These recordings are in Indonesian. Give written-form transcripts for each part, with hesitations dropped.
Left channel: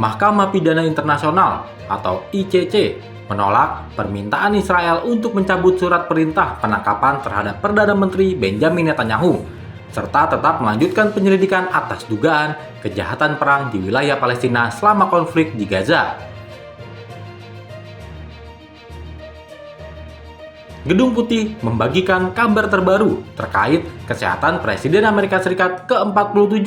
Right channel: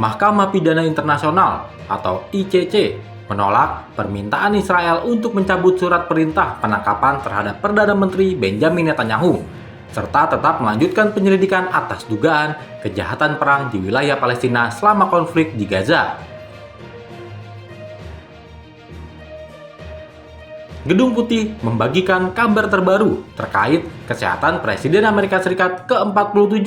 Mahkamah Pidana Internasional atau ICC menolak permintaan Israel untuk mencabut surat perintah penangkapan terhadap Perdana Menteri Benjamin Netanyahu, serta tetap melanjutkan penyelidikan atas dugaan kejahatan perang di wilayah Palestina selama konflik di Gaza. Gedung Putih membagikan kabar terbaru terkait kesehatan Presiden Amerika Serikat ke-47,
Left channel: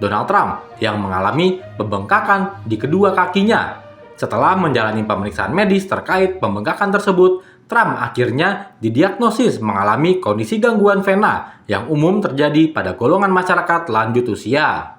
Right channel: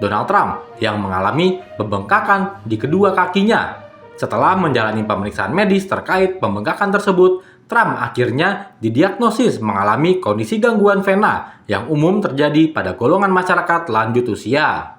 Donald Trump, yang mengalami pembengkakan di kedua kakinya. Setelah menjalani pemeriksaan medis terkait pembengkakan tersebut, Trump akhirnya didiagnosis mengalami kondisi gangguan vena yang umum terjadi pada golongan masyarakat lanjut usia.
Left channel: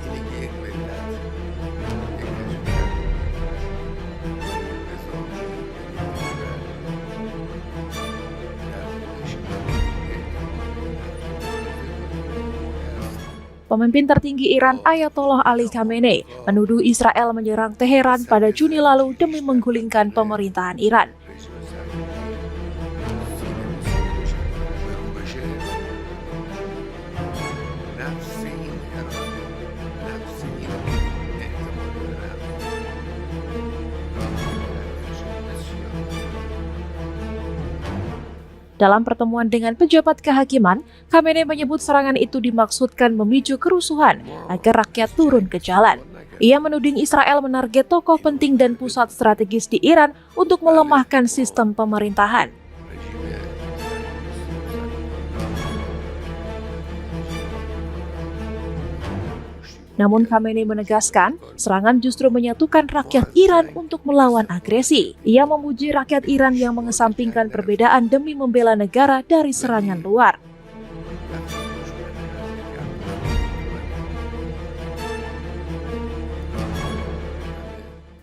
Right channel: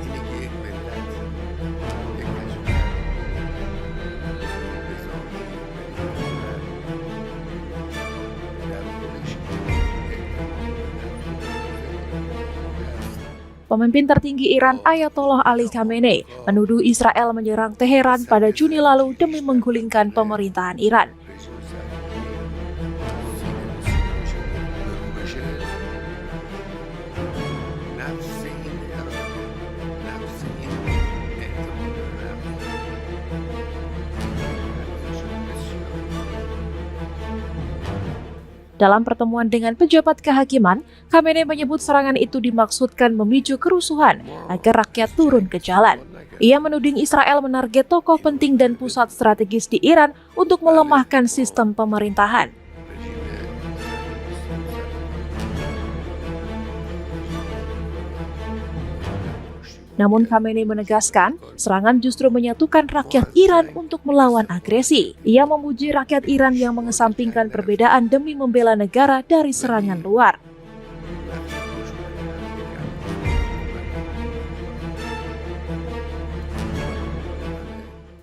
اینه که یک ملت، یک کشور نظامی در یک کشور در خودش اعتماد به نفس رو ملاحظه کنه که آماده است. Pemimpin tertinggi Iran Ayatollah Ali Khamenei menuduh Israel menyerang Teheran pada Juni lalu demi menggulingkan pemerintahan Iran. رژیم صهیونی سینه به سینه بشه، رو به رو بشه. نفس این اراده، نفس این اعتماد به نفس، این یک ارزش بسیار Dalam pertemuan dengan pejabat kehakiman, Khamenei menyebut serangan itu dimaksudkan memicu kerusuhan agar rakyat turun ke jalan. Ia menuding Israel menarget tokoh penting dan pusat strategis di Iran untuk melemahkan sistem pemerintahan. رژیم صهیونیستی و سرطان Namun Khamenei menegaskan, serangan justru menyatukan rakyat Iran untuk melawan agresi. Ia memuji rakyat Iran yang mengesampingkan perbedaan demi membela negara dari serangan luar.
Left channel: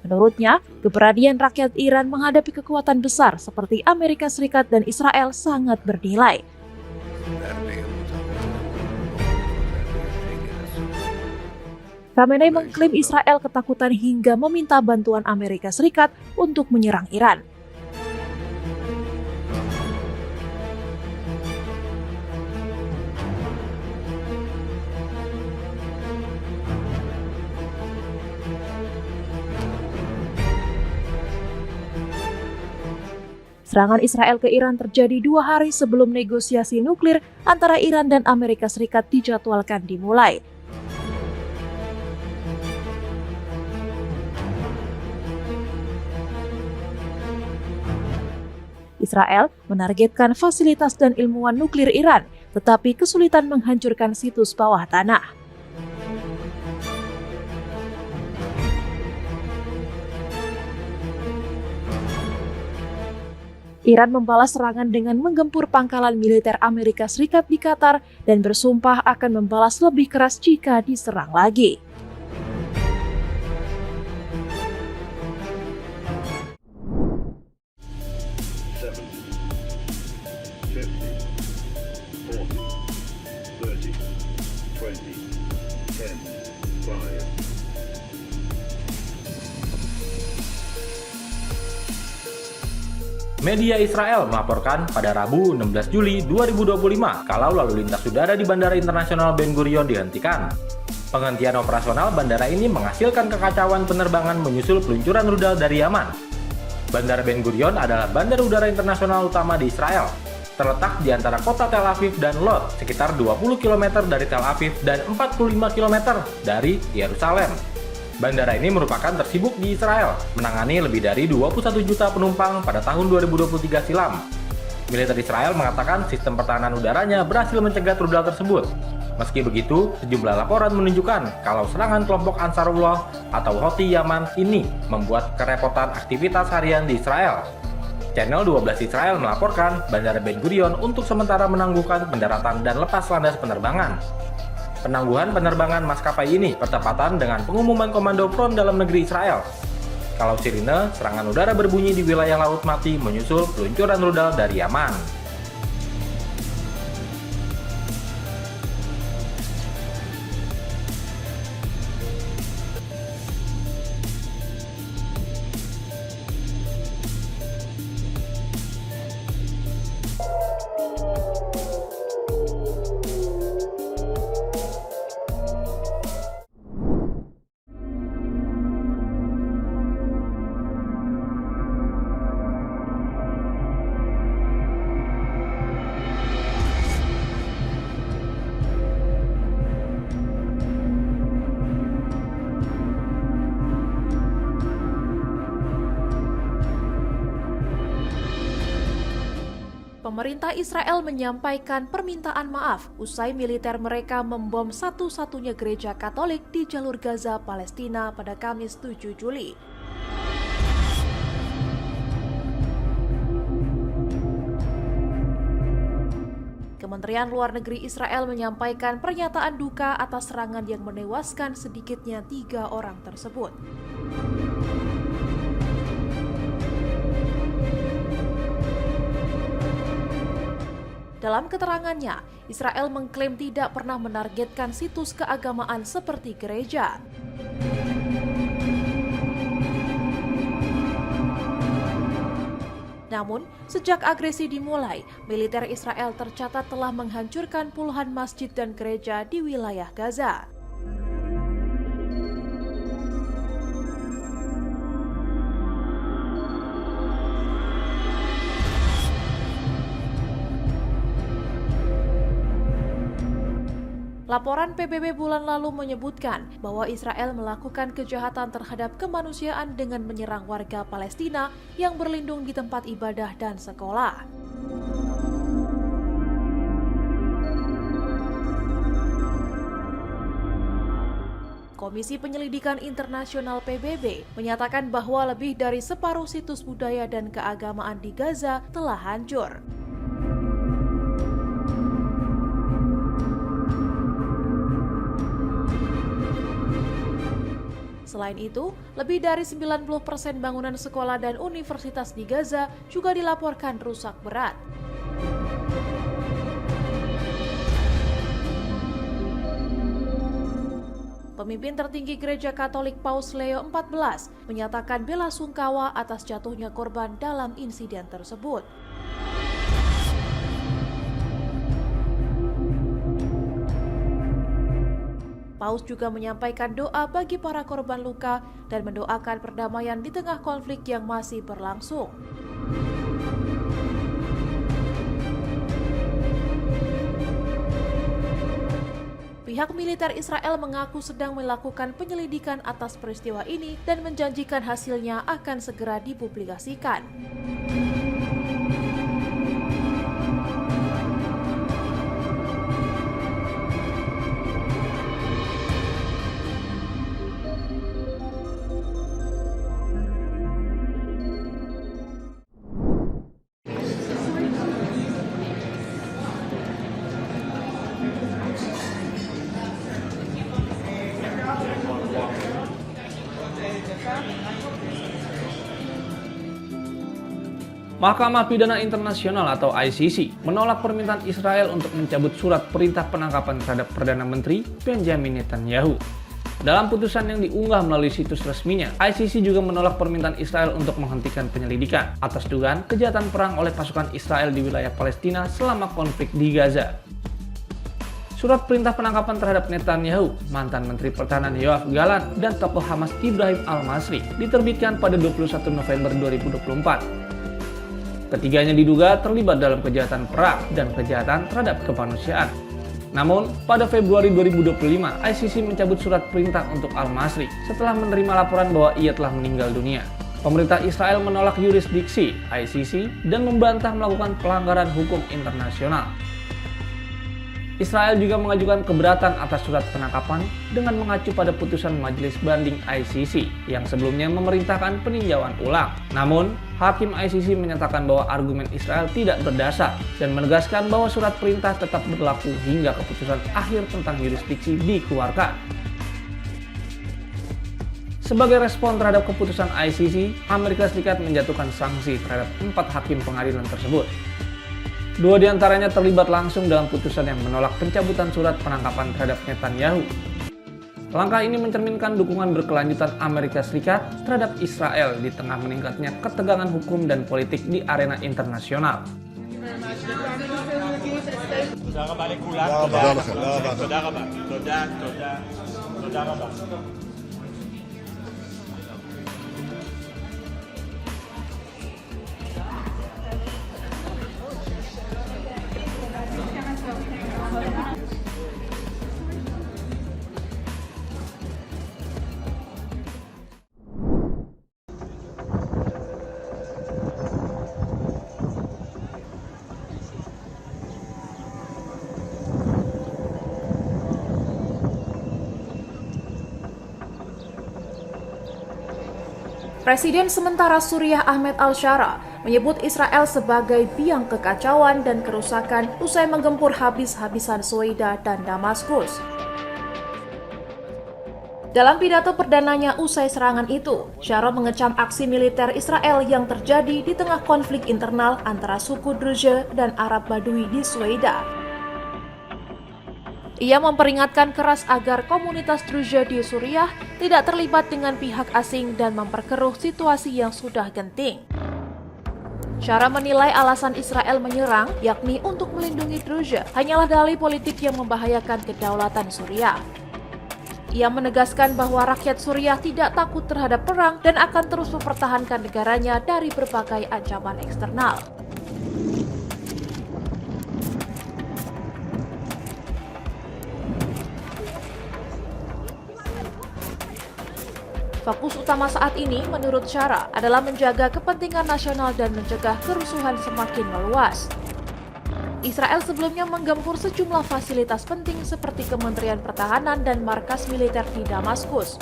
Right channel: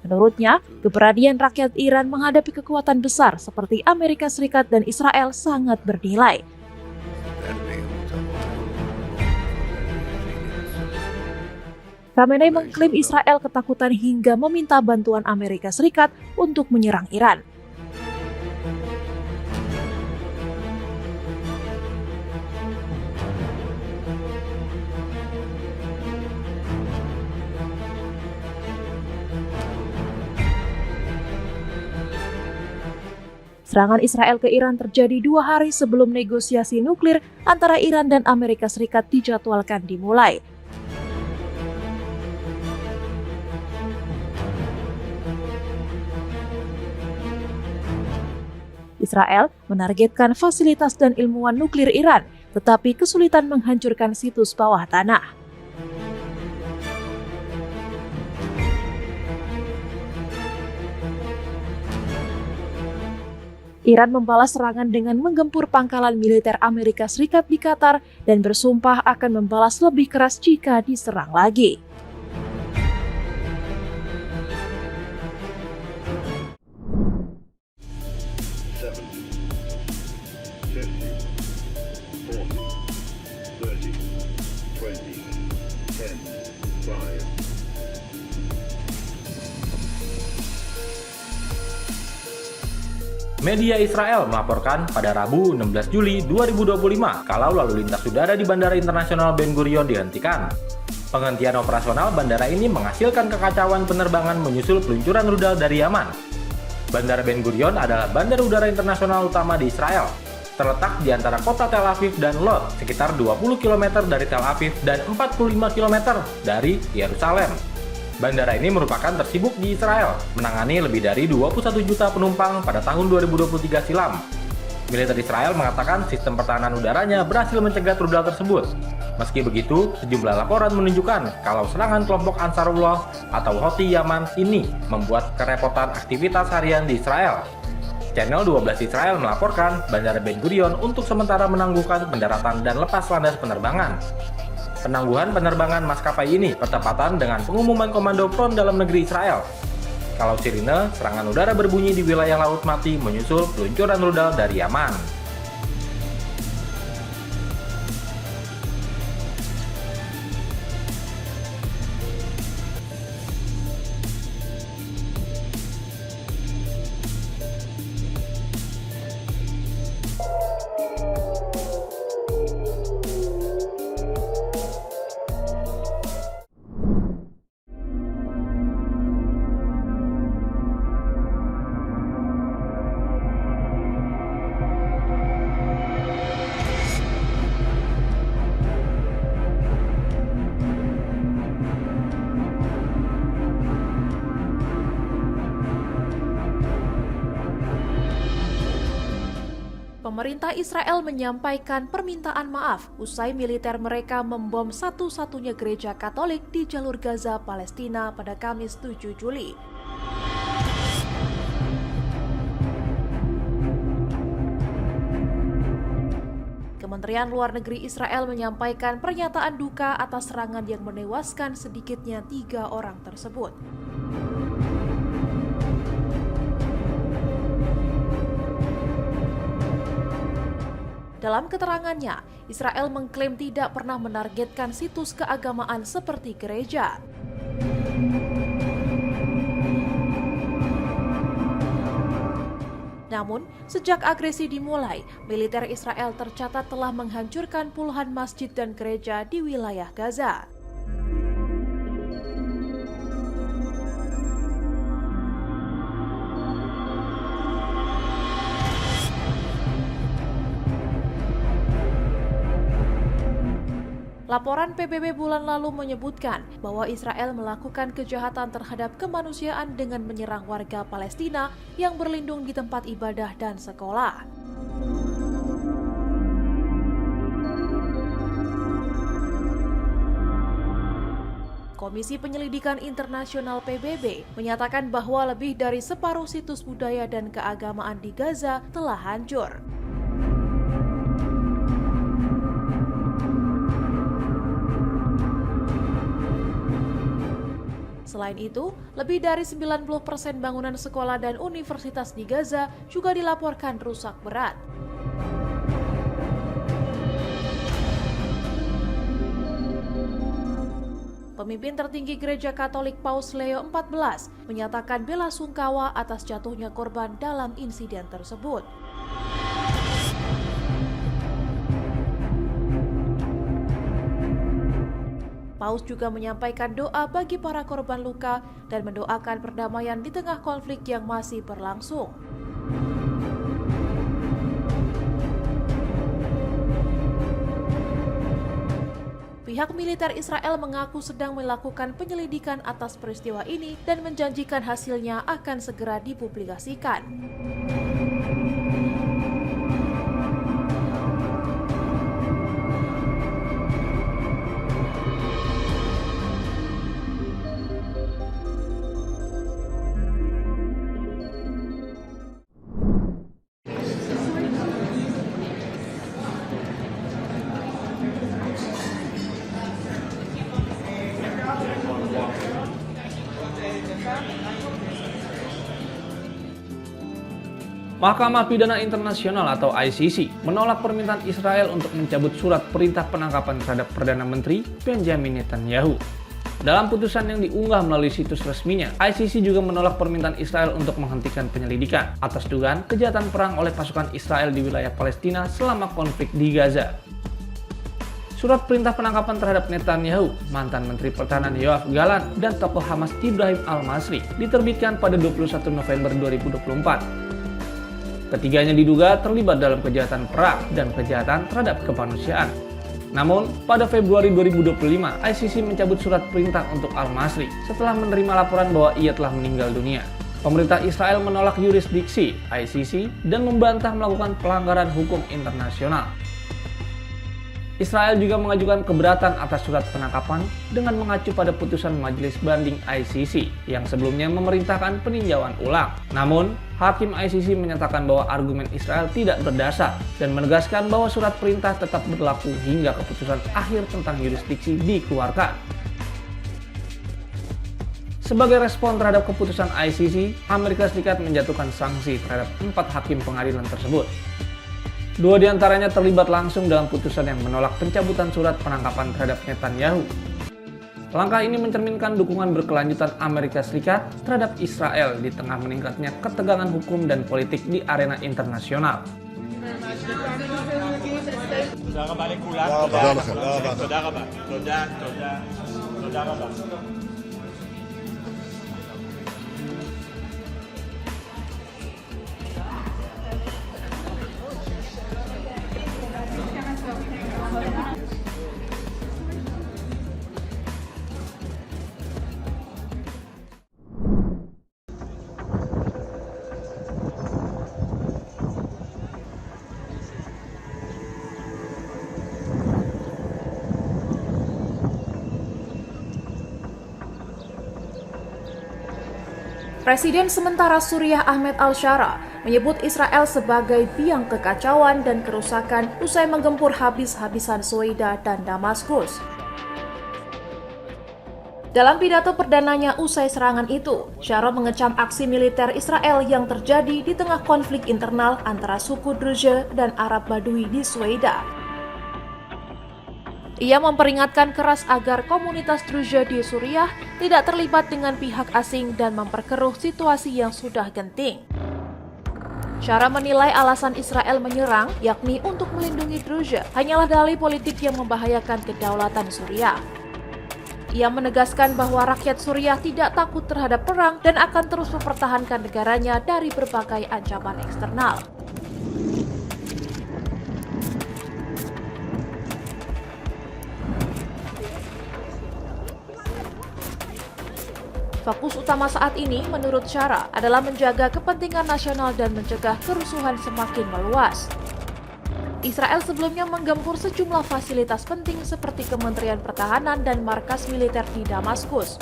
Menurutnya, keberanian rakyat Iran menghadapi kekuatan besar seperti Amerika Serikat dan Israel sangat bernilai. Khamenei mengklaim Israel ketakutan hingga meminta bantuan Amerika Serikat untuk menyerang Iran. Serangan Israel ke Iran terjadi 2 hari sebelum negosiasi nuklir antara Iran dan Amerika Serikat dijadwalkan dimulai. Israel menargetkan fasilitas dan ilmuwan nuklir Iran, tetapi kesulitan menghancurkan situs bawah tanah. Iran membalas serangan dengan menggempur pangkalan militer Amerika Serikat di Qatar dan bersumpah akan membalas lebih keras jika diserang lagi. Media Israel melaporkan pada Rabu 16 Juli 2025 kalau lalu lintas udara di Bandara Internasional Ben Gurion dihentikan. Penghentian operasional bandara ini menghasilkan kekacauan penerbangan menyusul peluncuran rudal dari Yaman. Bandara Ben Gurion adalah bandara udara internasional utama di Israel. Terletak di antara kota Tel Aviv dan Lod, sekitar 20 km dari Tel Aviv dan 45 km dari Yerusalem. Bandara ini merupakan tersibuk di Israel, menangani lebih dari 21 juta penumpang pada tahun 2023 silam. Militer Israel mengatakan sistem pertahanan udaranya berhasil mencegat rudal tersebut. Meski begitu, sejumlah laporan menunjukkan kalau serangan kelompok Ansarullah atau Houthi Yaman ini membuat kerepotan aktivitas harian di Israel. Channel 12 Israel melaporkan Bandara Ben Gurion untuk sementara menangguhkan pendaratan dan lepas landas penerbangan. Penangguhan penerbangan maskapai ini bertepatan dengan pengumuman Komando Front Dalam Negeri Israel. Kalau sirine, serangan udara berbunyi di wilayah Laut Mati menyusul peluncuran rudal dari Yaman. Pemerintah Israel menyampaikan permintaan maaf usai militer mereka membom satu-satunya gereja Katolik di jalur Gaza, Palestina pada Kamis 7 Juli. Kementerian Luar Negeri Israel menyampaikan pernyataan duka atas serangan yang menewaskan sedikitnya 3 orang tersebut. Dalam keterangannya, Israel mengklaim tidak pernah menargetkan situs keagamaan seperti gereja. Namun, sejak agresi dimulai, militer Israel tercatat telah menghancurkan puluhan masjid dan gereja di wilayah Gaza. Laporan PBB bulan lalu menyebutkan bahwa Israel melakukan kejahatan terhadap kemanusiaan dengan menyerang warga Palestina yang berlindung di tempat ibadah dan sekolah. Komisi Penyelidikan Internasional PBB menyatakan bahwa lebih dari separuh situs budaya dan keagamaan di Gaza telah hancur. Selain itu, lebih dari 90% bangunan sekolah dan universitas di Gaza juga dilaporkan rusak berat. Pemimpin tertinggi Gereja Katolik Paus Leo XIV menyatakan bela sungkawa atas jatuhnya korban dalam insiden tersebut. Paus juga menyampaikan doa bagi para korban luka dan mendoakan perdamaian di tengah konflik yang masih berlangsung. Pihak militer Israel mengaku sedang melakukan penyelidikan atas peristiwa ini dan menjanjikan hasilnya akan segera dipublikasikan. Mahkamah Pidana Internasional atau ICC menolak permintaan Israel untuk mencabut surat perintah penangkapan terhadap Perdana Menteri Benjamin Netanyahu. Dalam putusan yang diunggah melalui situs resminya, ICC juga menolak permintaan Israel untuk menghentikan penyelidikan atas dugaan kejahatan perang oleh pasukan Israel di wilayah Palestina selama konflik di Gaza. Surat perintah penangkapan terhadap Netanyahu, mantan Menteri Pertahanan Yoav Gallant, dan tokoh Hamas Ibrahim Al-Masri diterbitkan pada 21 November 2024. Ketiganya diduga terlibat dalam kejahatan perang dan kejahatan terhadap kemanusiaan. Namun, pada Februari 2025, ICC mencabut surat perintah untuk Al-Masri setelah menerima laporan bahwa ia telah meninggal dunia. Pemerintah Israel menolak yurisdiksi ICC dan membantah melakukan pelanggaran hukum internasional. Israel juga mengajukan keberatan atas surat penangkapan dengan mengacu pada putusan Majelis Banding ICC yang sebelumnya memerintahkan peninjauan ulang. Namun, Hakim ICC menyatakan bahwa argumen Israel tidak berdasar dan menegaskan bahwa surat perintah tetap berlaku hingga keputusan akhir tentang yurisdiksi dikeluarkan. Sebagai respon terhadap keputusan ICC, Amerika Serikat menjatuhkan sanksi terhadap 4 hakim pengadilan tersebut. 2 diantaranya terlibat langsung dalam putusan yang menolak pencabutan surat penangkapan terhadap Netanyahu. Langkah ini mencerminkan dukungan berkelanjutan Amerika Serikat terhadap Israel di tengah meningkatnya ketegangan hukum dan politik di arena internasional. Presiden sementara Suriah Ahmed al-Shara menyebut Israel sebagai biang kekacauan dan kerusakan usai menggempur habis-habisan Suwaida dan Damaskus. Dalam pidato perdananya usai serangan itu, Shara mengecam aksi militer Israel yang terjadi di tengah konflik internal antara suku Druze dan Arab Badui di Suwaida. Ia memperingatkan keras agar komunitas Druze di Suriah tidak terlibat dengan pihak asing dan memperkeruh situasi yang sudah genting. Shara menilai alasan Israel menyerang, yakni untuk melindungi Druze, hanyalah dalih politik yang membahayakan kedaulatan Suriah. Ia menegaskan bahwa rakyat Suriah tidak takut terhadap perang dan akan terus mempertahankan negaranya dari berbagai ancaman eksternal. Fokus utama saat ini, menurut Shara, adalah menjaga kepentingan nasional dan mencegah kerusuhan semakin meluas. Israel sebelumnya menggempur sejumlah fasilitas penting seperti Kementerian Pertahanan dan markas militer di Damaskus.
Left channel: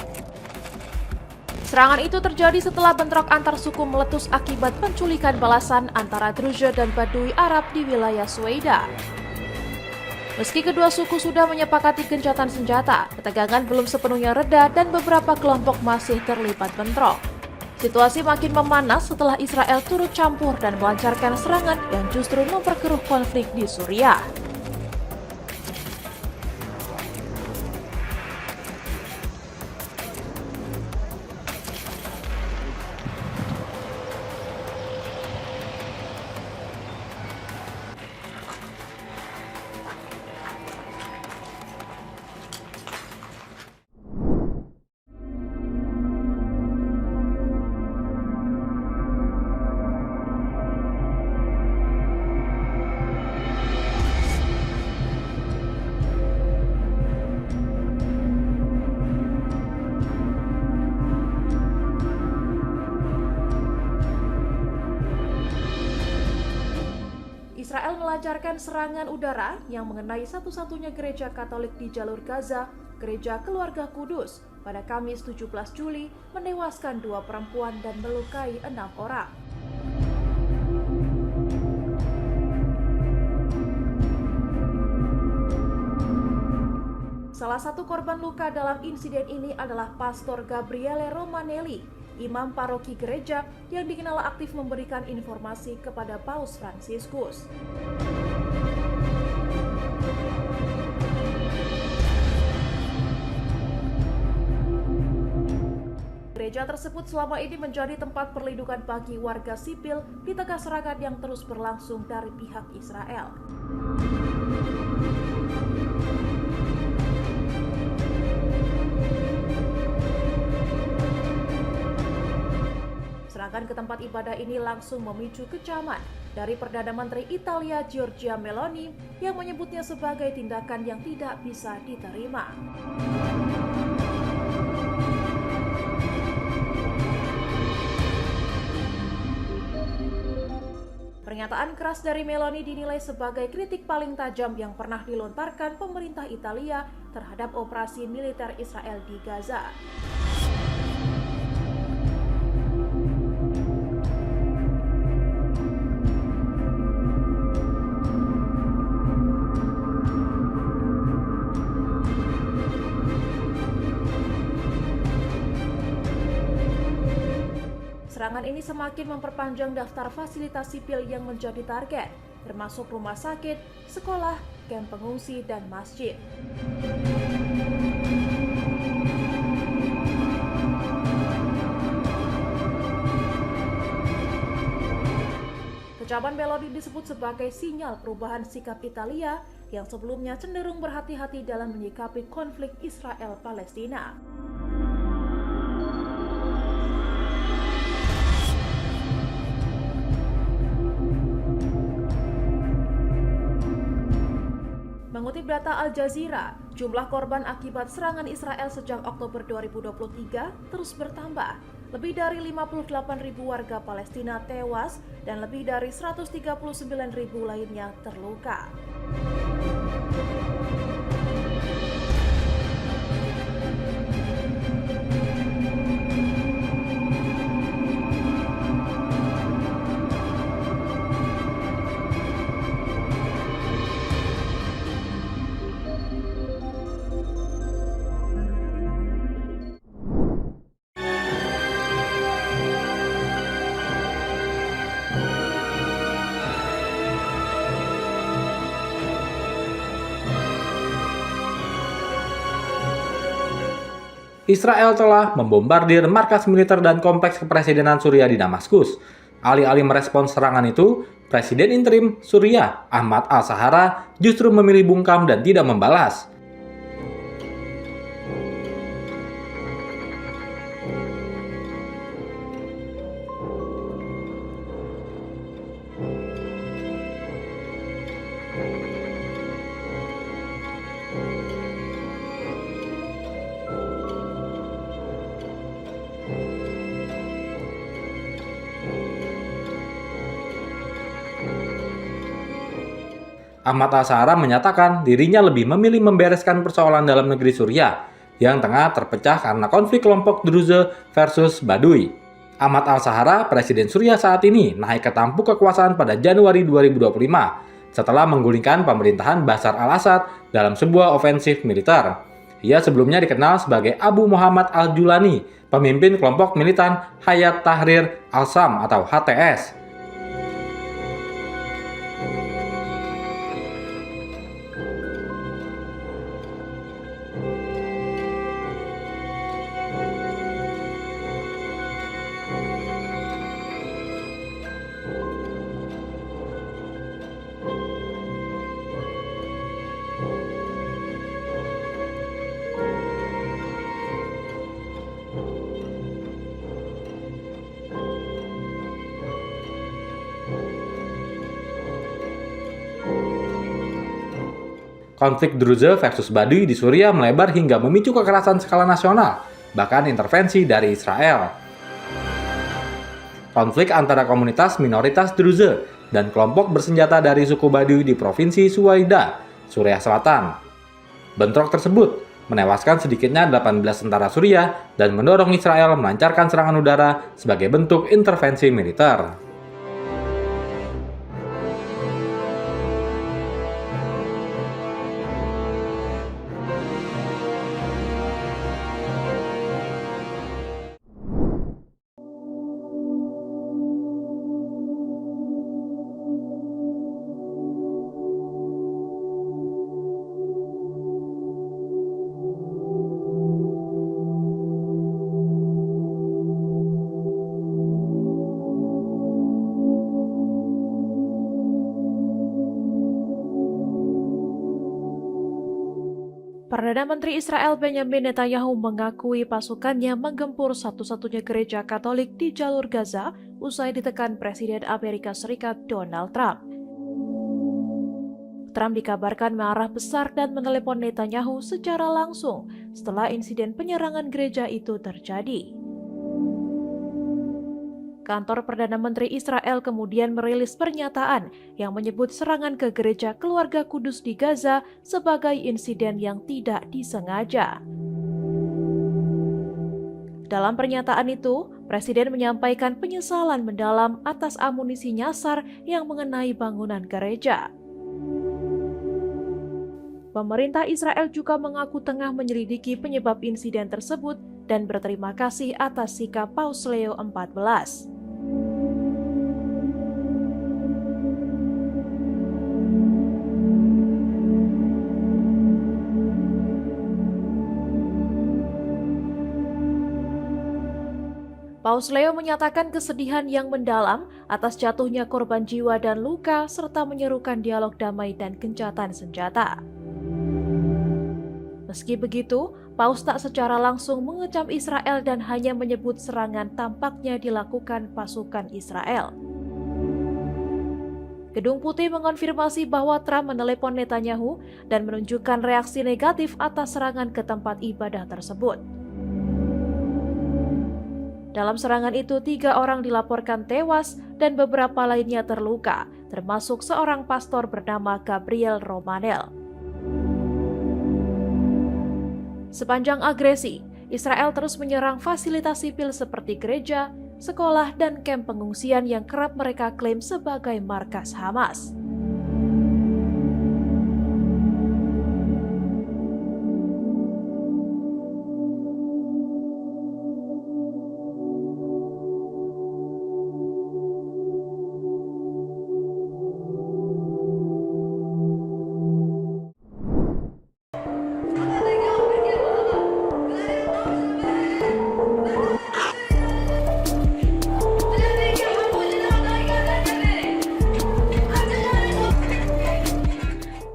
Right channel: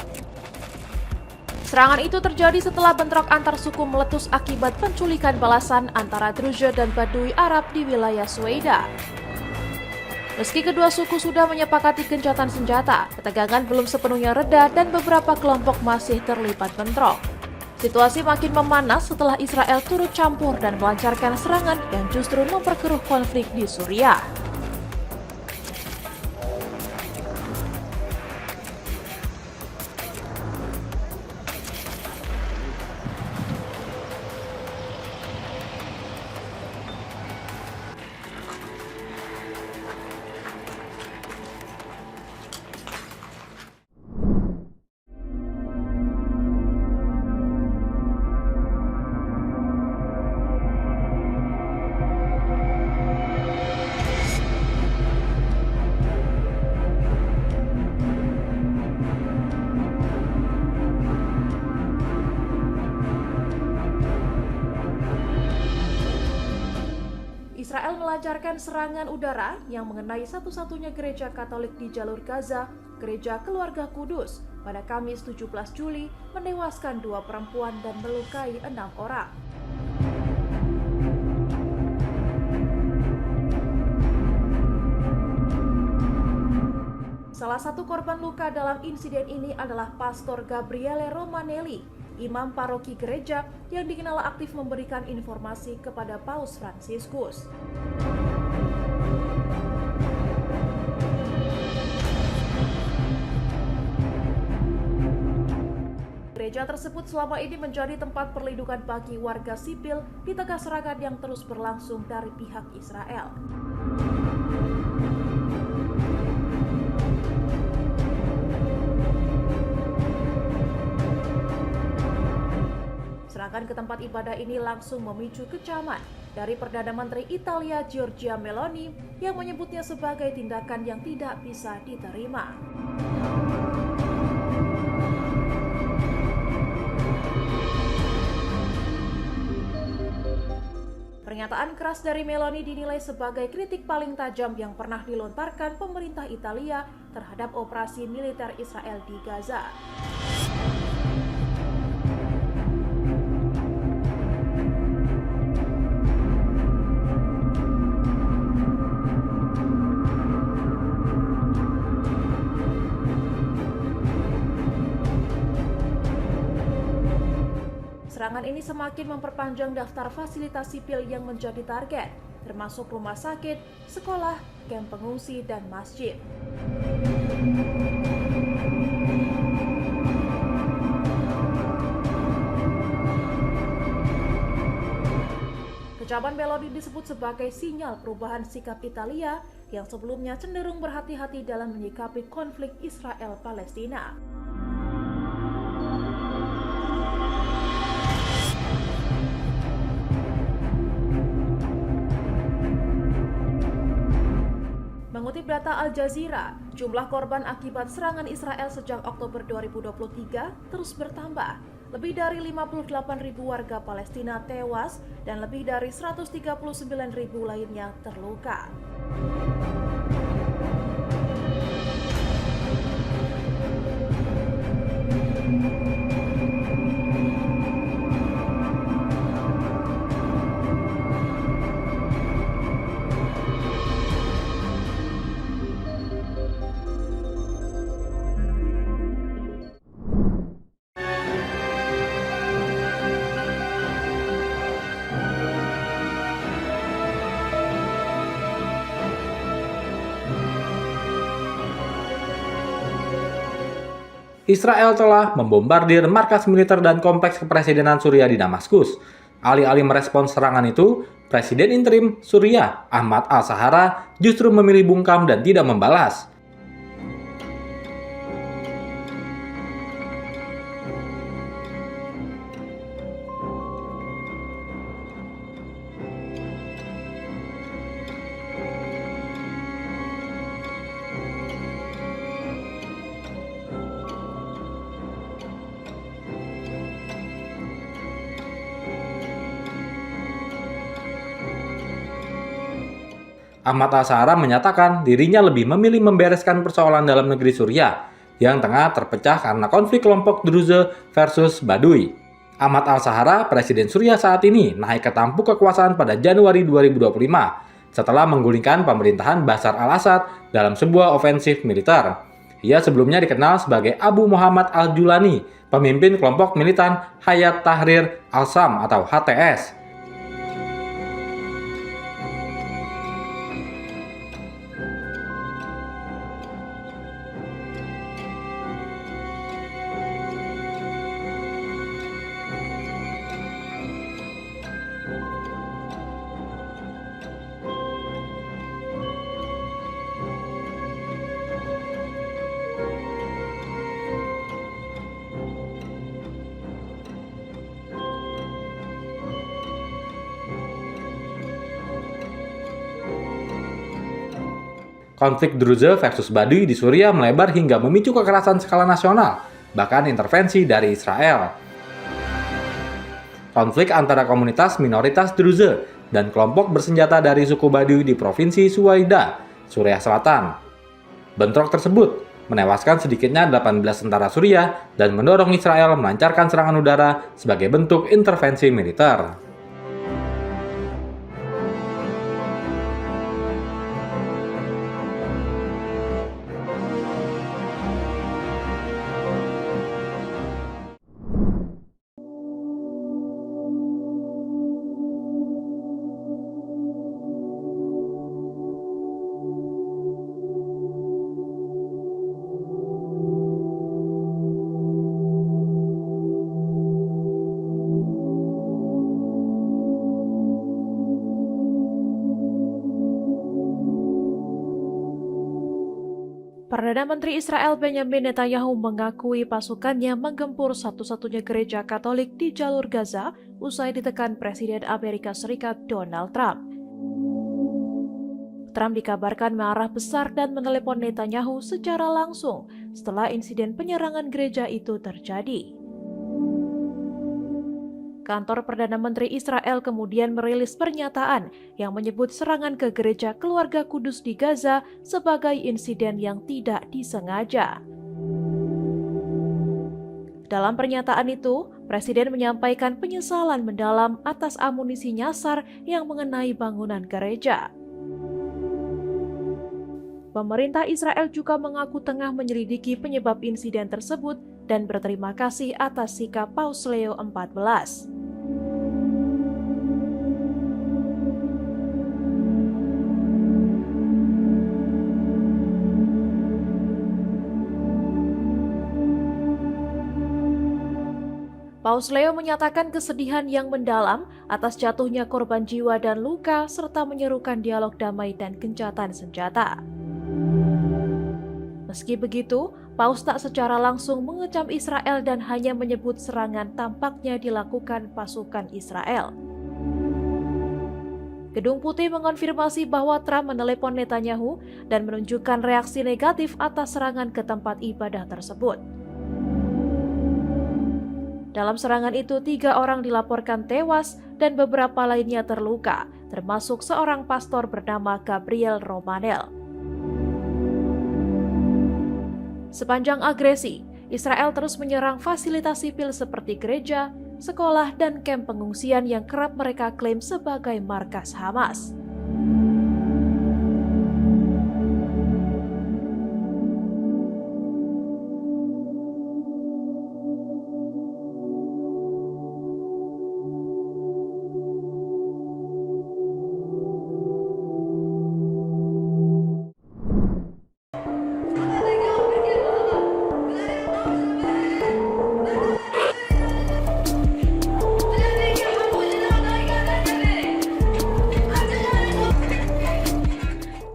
Serangan itu terjadi setelah bentrok antar suku meletus akibat penculikan balasan antara Druze dan Badui Arab di wilayah Suwaida. Meski kedua suku sudah menyepakati gencatan senjata, ketegangan belum sepenuhnya reda dan beberapa kelompok masih terlibat bentrok. Situasi makin memanas setelah Israel turut campur dan melancarkan serangan yang justru memperkeruh konflik di Suriah. Israel melancarkan serangan udara yang mengenai satu-satunya gereja Katolik di jalur Gaza, Gereja Keluarga Kudus, pada Kamis 17 Juli menewaskan 2 perempuan dan melukai 6 orang. Salah satu korban luka dalam insiden ini adalah Pastor Gabriele Romanelli, imam paroki gereja yang dikenal aktif memberikan informasi kepada Paus Fransiskus. Gereja tersebut selama ini menjadi tempat perlindungan bagi warga sipil di tengah serangan yang terus berlangsung dari pihak Israel. Serangan ke tempat ibadah ini langsung memicu kecaman dari Perdana Menteri Italia Giorgia Meloni yang menyebutnya sebagai tindakan yang tidak bisa diterima. Pernyataan keras dari Meloni dinilai sebagai kritik paling tajam yang pernah dilontarkan pemerintah Italia terhadap operasi militer Israel di Gaza. Serangan ini semakin memperpanjang daftar fasilitas sipil yang menjadi target, termasuk rumah sakit, sekolah, kamp pengungsi, dan masjid. Kecaman Meloni disebut sebagai sinyal perubahan sikap Italia yang sebelumnya cenderung berhati-hati dalam menyikapi konflik Israel-Palestina. Mengutip data Al Jazeera, jumlah korban akibat serangan Israel sejak Oktober 2023 terus bertambah. Lebih dari 58.000 warga Palestina tewas dan lebih dari 139.000 lainnya terluka. Israel telah membombardir markas militer dan kompleks kepresidenan Suriah di Damaskus. Alih-alih merespons serangan itu, Presiden interim Suriah Ahmad al-Shara justru memilih bungkam dan tidak membalas. Ahmad al-Shara menyatakan dirinya lebih memilih membereskan persoalan dalam negeri Suriah yang tengah terpecah karena konflik kelompok Druze versus Baduy. Ahmad al-Shara, Presiden Suriah saat ini, naik ke tampuk kekuasaan pada Januari 2025 setelah menggulingkan pemerintahan Bashar al-Assad dalam sebuah ofensif militer. Ia sebelumnya dikenal sebagai Abu Muhammad al-Julani, pemimpin kelompok militan Hayat Tahrir al-Sham atau HTS. Konflik Druze versus Baduy di Suriah melebar hingga memicu kekerasan skala nasional, bahkan intervensi dari Israel. Konflik antara komunitas minoritas Druze dan kelompok bersenjata dari suku Baduy di Provinsi Suwaida, Suriah Selatan. Bentrok tersebut menewaskan sedikitnya 18 tentara Suriah dan mendorong Israel melancarkan serangan udara sebagai bentuk intervensi militer. Perdana Menteri Israel Benjamin Netanyahu mengakui pasukannya menggempur satu-satunya gereja Katolik di jalur Gaza usai ditekan Presiden Amerika Serikat Donald Trump. Trump dikabarkan marah besar dan menelepon Netanyahu secara langsung setelah insiden penyerangan gereja itu terjadi. Kantor Perdana Menteri Israel kemudian merilis pernyataan yang menyebut serangan ke gereja Keluarga Kudus di Gaza sebagai insiden yang tidak disengaja. Dalam pernyataan itu, Presiden menyampaikan penyesalan mendalam atas amunisi nyasar yang mengenai bangunan gereja. Pemerintah Israel juga mengaku tengah menyelidiki penyebab insiden tersebut dan berterima kasih atas sikap Paus Leo XIV. Paus Leo menyatakan kesedihan yang mendalam atas jatuhnya korban jiwa dan luka serta menyerukan dialog damai dan gencatan senjata. Meski begitu, Paus tak secara langsung mengecam Israel dan hanya menyebut serangan tampaknya dilakukan pasukan Israel. Gedung Putih mengonfirmasi bahwa Trump menelepon Netanyahu dan menunjukkan reaksi negatif atas serangan ke tempat ibadah tersebut. Dalam serangan itu, 3 orang dilaporkan tewas dan beberapa lainnya terluka, termasuk seorang pastor bernama Gabriel Romanel. Sepanjang agresi, Israel terus menyerang fasilitas sipil seperti gereja, sekolah, dan kamp pengungsian yang kerap mereka klaim sebagai markas Hamas.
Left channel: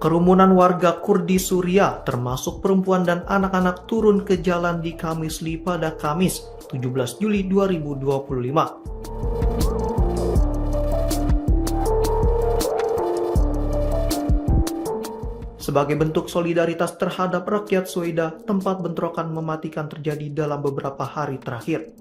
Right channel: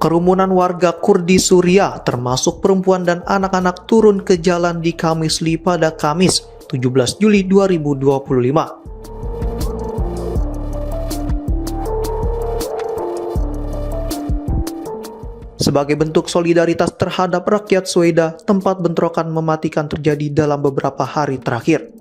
Kerumunan warga Kurdi Suriah termasuk perempuan dan anak-anak turun ke jalan di Qamisli pada Kamis 17 Juli 2025. Sebagai bentuk solidaritas terhadap rakyat Sweida, tempat bentrokan mematikan terjadi dalam beberapa hari terakhir.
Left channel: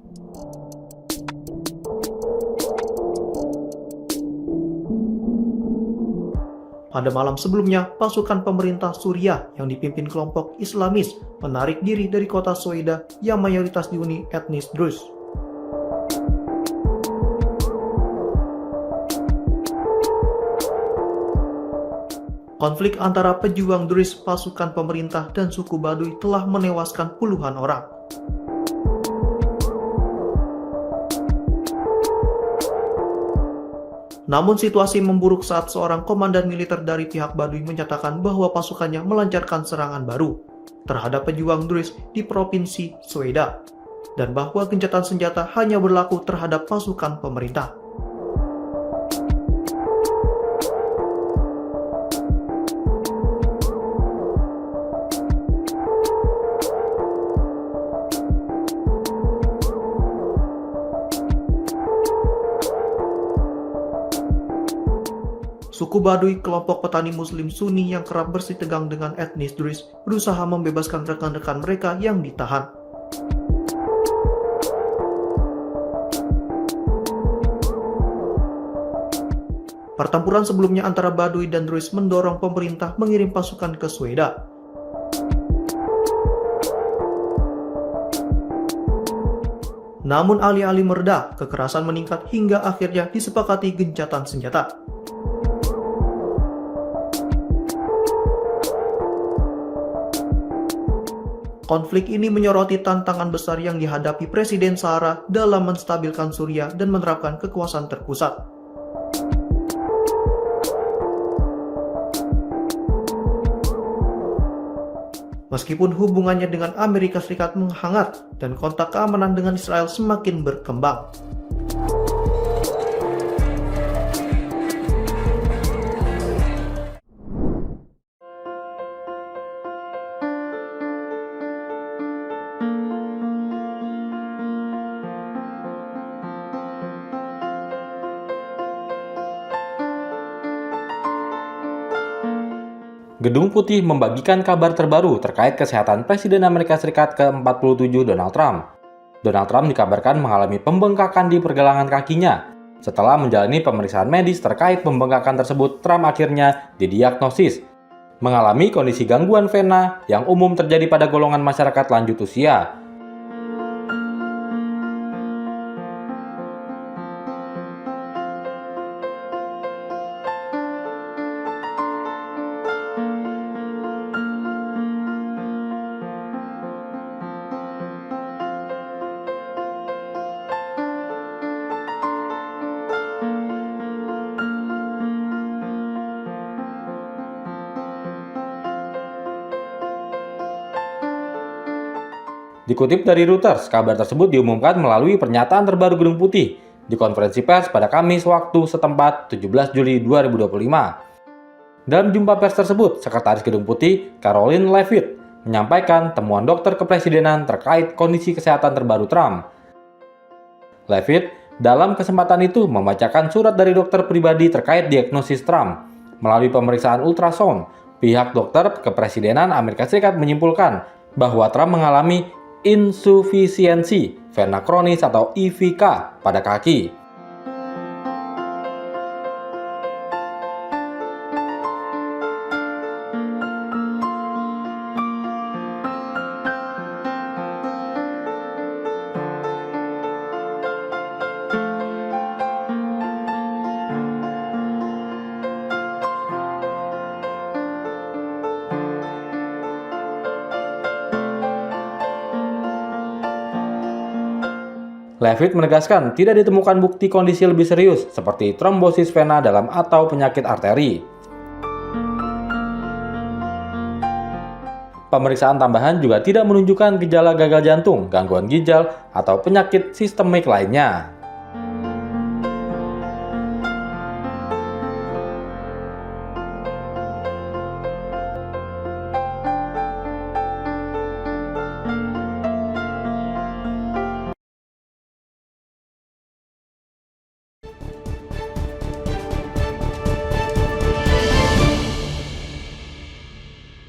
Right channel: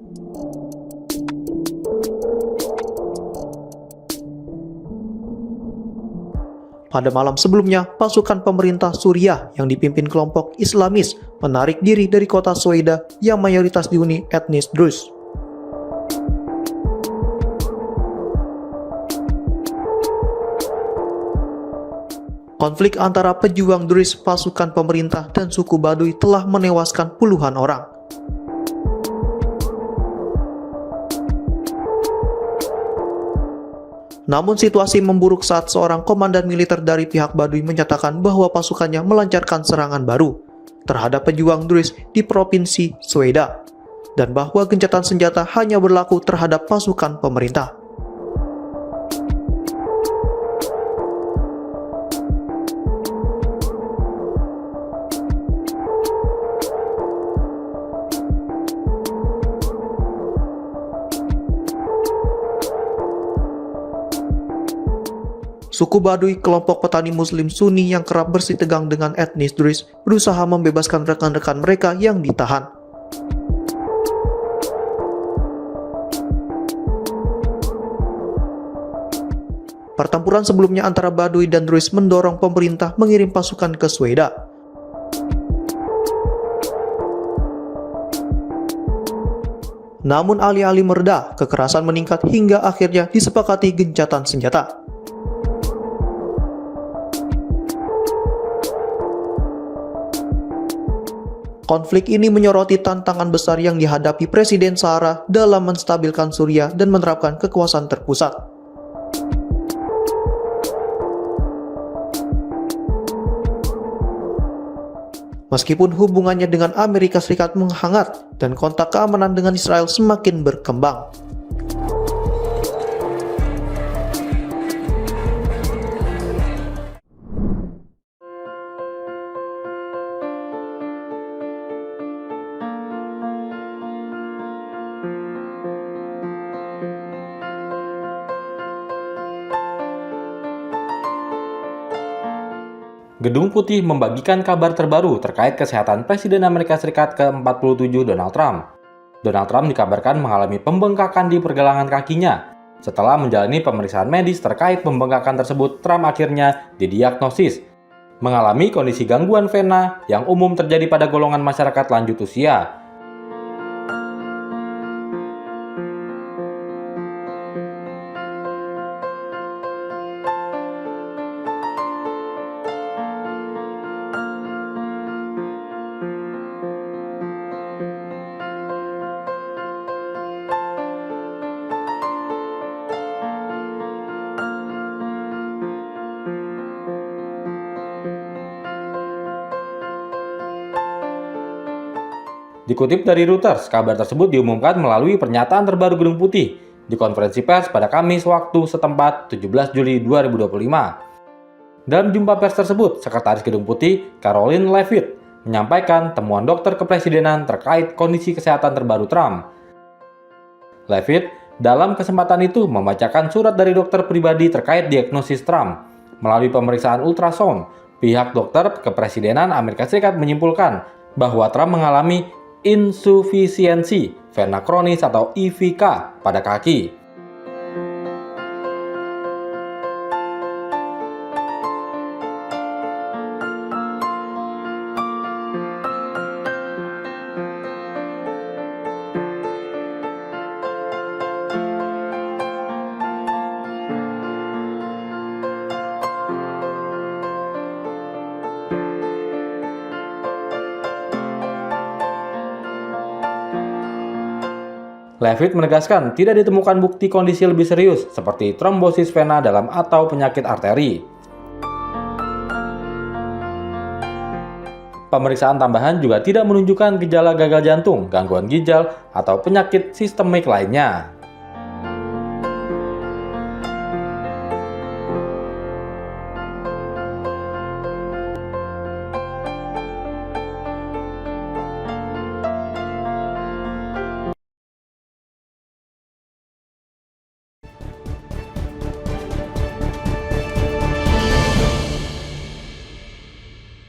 Pada malam sebelumnya, pasukan pemerintah Suriah yang dipimpin kelompok Islamis menarik diri dari kota Sweida yang mayoritas dihuni etnis Druze. Konflik antara pejuang Druze, pasukan pemerintah, dan suku Baduy telah menewaskan puluhan orang. Namun situasi memburuk saat seorang komandan militer dari pihak Baduy menyatakan bahwa pasukannya melancarkan serangan baru terhadap pejuang Druze di provinsi Sweida, dan bahwa gencatan senjata hanya berlaku terhadap pasukan pemerintah. Suku Baduy, kelompok petani Muslim Sunni yang kerap bersitegang dengan etnis Druze, berusaha membebaskan rekan-rekan mereka yang ditahan. Pertempuran sebelumnya antara Baduy dan Druze mendorong pemerintah mengirim pasukan ke Sweida. Namun alih-alih mereda, kekerasan meningkat hingga akhirnya disepakati gencatan senjata. Konflik ini menyoroti tantangan besar yang dihadapi Presiden Sahara dalam menstabilkan Suriah dan menerapkan kekuasaan terpusat. Meskipun hubungannya dengan Amerika Serikat menghangat dan kontak keamanan dengan Israel semakin berkembang. Gedung Putih membagikan kabar terbaru terkait kesehatan Presiden Amerika Serikat ke-47 Donald Trump. Donald Trump dikabarkan mengalami pembengkakan di pergelangan kakinya. Setelah menjalani pemeriksaan medis terkait pembengkakan tersebut, Trump akhirnya didiagnosis mengalami kondisi gangguan vena yang umum terjadi pada golongan masyarakat lanjut usia. Dikutip dari Reuters, kabar tersebut diumumkan melalui pernyataan terbaru Gedung Putih di konferensi pers pada Kamis waktu setempat 17 Juli 2025. Dalam jumpa pers tersebut, Sekretaris Gedung Putih, Karoline Leavitt, menyampaikan temuan dokter kepresidenan terkait kondisi kesehatan terbaru Trump. Leavitt dalam kesempatan itu membacakan surat dari dokter pribadi terkait diagnosis Trump. Melalui pemeriksaan ultrasound, pihak dokter kepresidenan Amerika Serikat menyimpulkan bahwa Trump mengalami insufisiensi vena kronis atau IVK pada kaki. Leavitt menegaskan tidak ditemukan bukti kondisi lebih serius seperti trombosis vena dalam atau penyakit arteri. Pemeriksaan tambahan juga tidak menunjukkan gejala gagal jantung, gangguan ginjal, atau penyakit sistemik lainnya.